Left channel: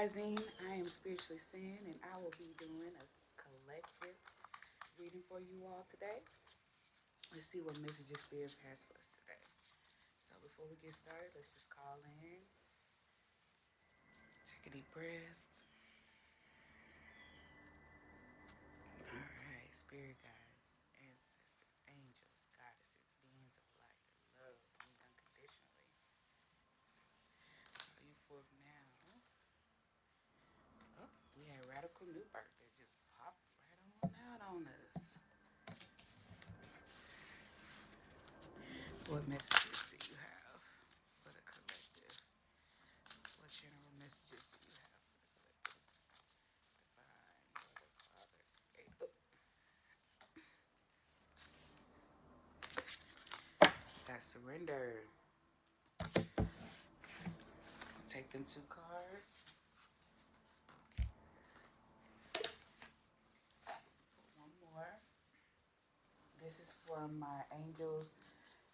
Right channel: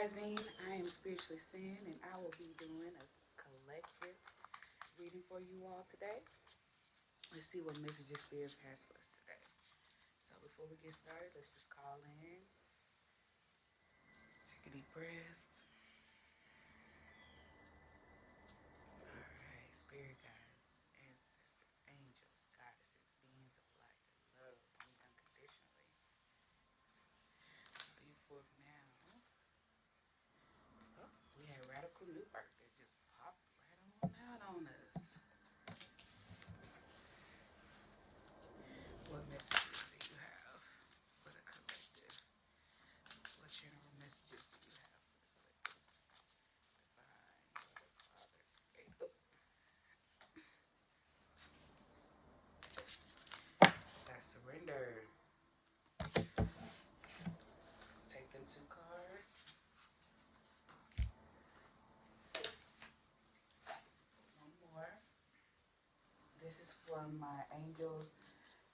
Rising. I am Spiritually Sin, and I will be doing a collective reading for you all today. Let's see what messages Spirit has for us today. So before we get started, let's just call in. Take a deep breath. All right, Spirit guides, ancestors, angels, goddesses, beings of light, love me unconditionally. Moving forth now. Oh, we have Radical New Birth that just popped right on out on us. What messages do you have for the collective? What general messages do you have for that surrender? I'll take them two cards. One more. This is from my Angels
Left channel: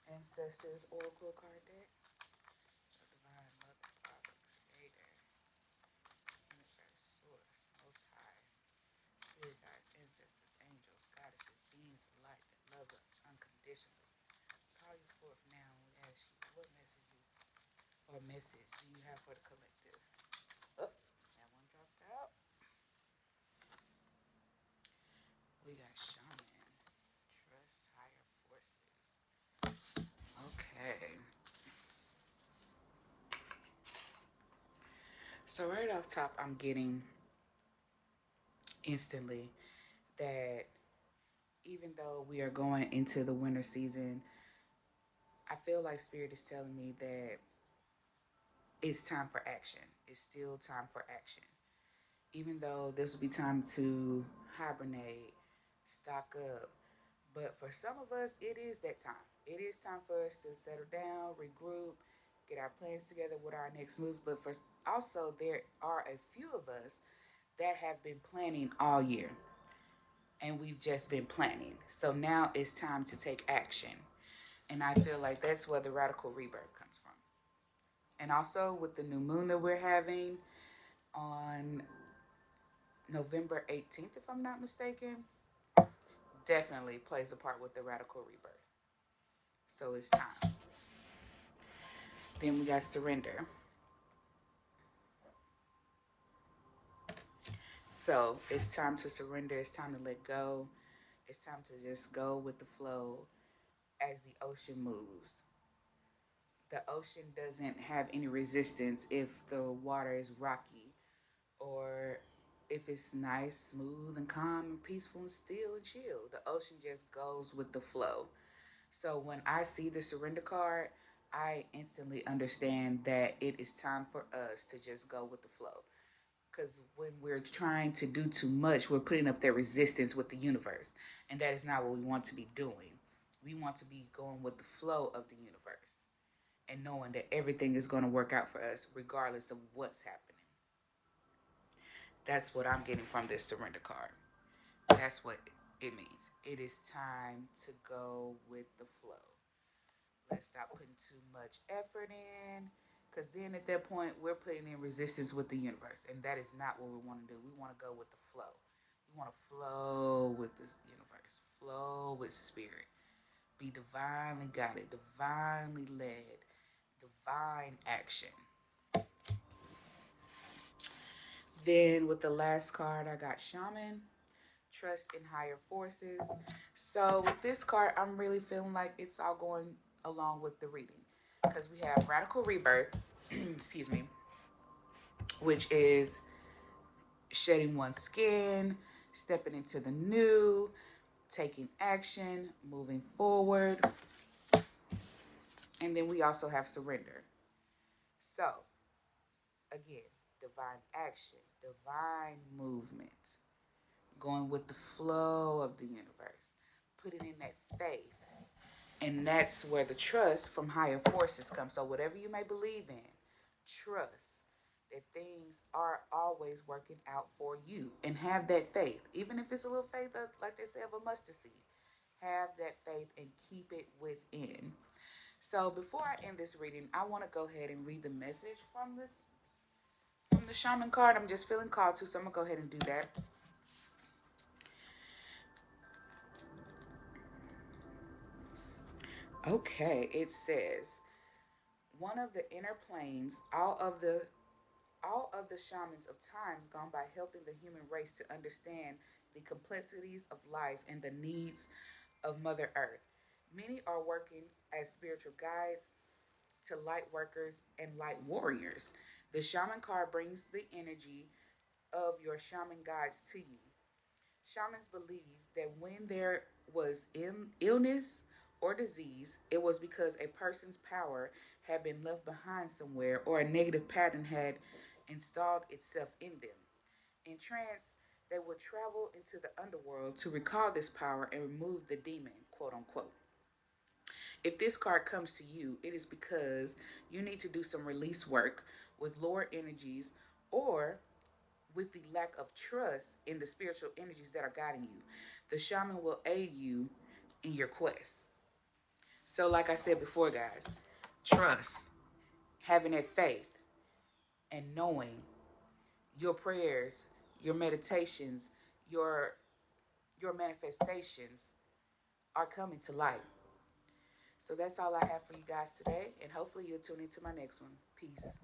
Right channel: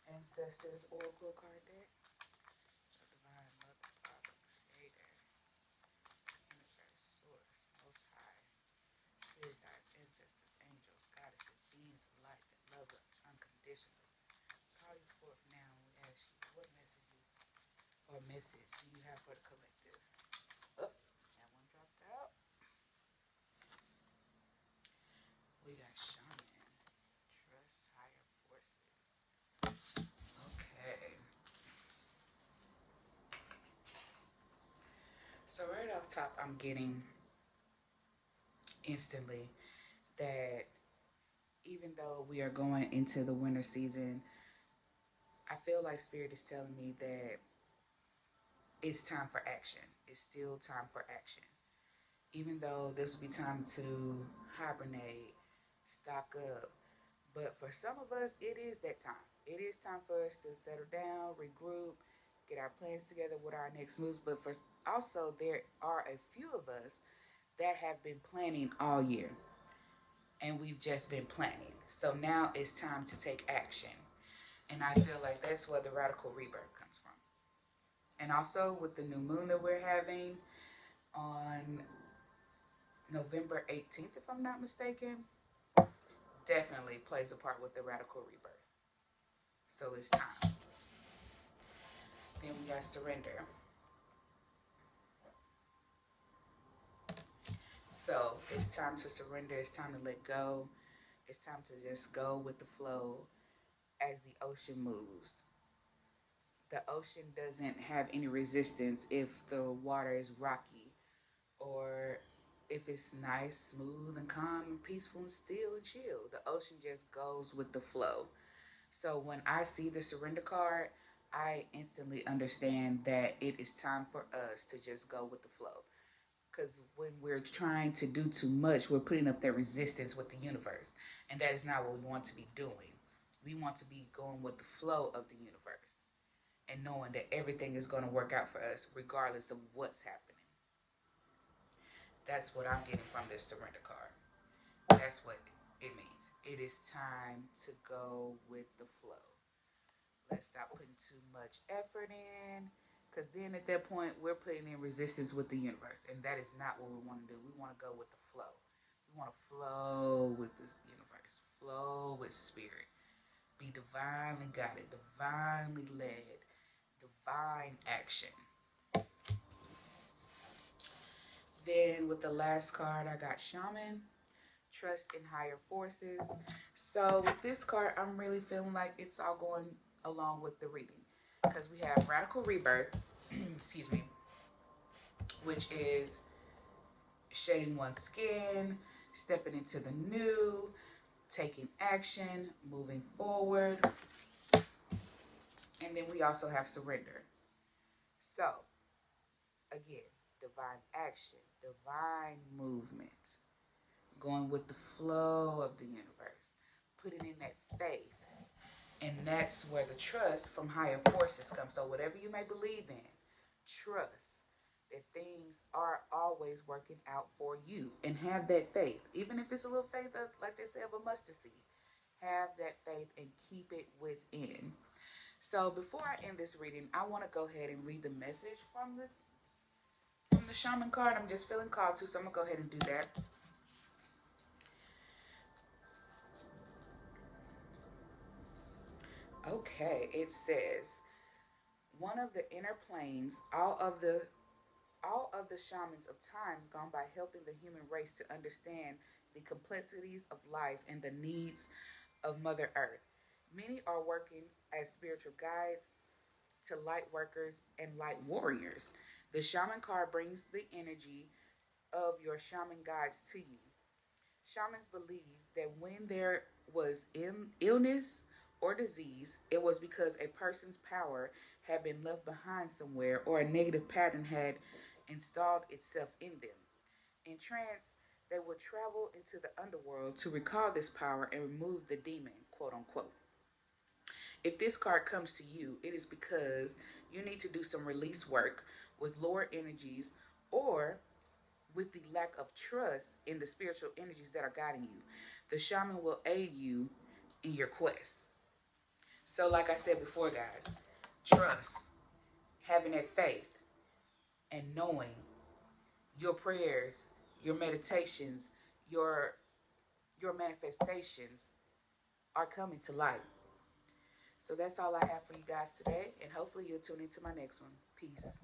Ancestors Oracle card deck. So Divine Mother, Father, Creator, Universe, Source, Most High, Spirit Guides, Ancestors, Angels, Goddesses, Beings of Light that love us unconditionally. Call you forth now and ask you what messages or message do you have for the collective? Oh, that one dropped out. We got Shaman. Trust higher forces. Okay. So right off top, I'm getting instantly that even though we are going into the winter season, I feel like Spirit is telling me that it's time for action. It's still time for action. Even though this will be time to hibernate, stock up. But for some of us, it is that time. It is time for us to settle down, regroup, get our plans together with our next moves. But for also, there are a few of us that have been planning all year, and we've just been planning. So now it's time to take action. And I feel like that's where the radical rebirth comes from. And also with the new moon that we're having on November 18th, if I'm not mistaken, definitely plays a part with the radical rebirth. So it's time. Then we got surrender. So it's time to surrender. It's time to let go. It's time to just go with the flow as the ocean moves. The ocean doesn't have any resistance if the water is rocky or if it's nice, smooth, and calm and peaceful and still and chill. The ocean just goes with the flow. So when I see the surrender card, I instantly understand that it is time for us to just go with the flow. Because when we're trying to do too much, we're putting up that resistance with the universe. And that is not what we want to be doing. We want to be going with the flow of the universe and knowing that everything is going to work out for us regardless of what's happening. That's what I'm getting from this surrender card. That's what it means. It is time to go with the flow. Let's stop putting too much effort in. Because then at that point, we're putting in resistance with the universe. And that is not what we want to do. We want to go with the flow. We want to flow with this universe, flow with spirit, be divinely guided, divinely led, divine action. Then with the last card, I got Shaman, trust in higher forces. So with this card, I'm really feeling like it's all going along with the reading because we have radical rebirth, excuse me, which is shedding one's skin, stepping into the new, taking action, moving forward. And then we also have surrender. So, again, divine action, divine movement, going with the flow of the universe, putting in that faith. And that's where the trust from higher forces comes. So, whatever you may believe in, trust that things are always working out for you and have that faith. Even if it's a little faith, like they say, of a mustard seed, have that faith and keep it within. So, before I end this reading, I want to go ahead and read the message from the shaman card. I'm just feeling called to, so I'm gonna go ahead and do that. Okay, it says one of the inner planes, all of the shamans of times gone by helping the human race to understand the complexities of life and the needs of Mother Earth. Many are working as spiritual guides to light workers and light warriors. The shaman card brings the energy of your shaman guides to you. Shamans believe that when there was illness or disease, it was because a person's power had been left behind somewhere or a negative pattern had installed itself in them. In trance, they would travel into the underworld to recall this power and remove the demon, quote unquote. If this card comes to you, it is because you need to do some release work with lower energies or with the lack of trust in the spiritual energies that are guiding you. The shaman will aid you in your quest. So, like I said before, guys, trust, having that faith, and knowing your prayers, your meditations, your your manifestations are coming to light. So that's all I have for you guys today, and hopefully you'll tune into my next one. Peace.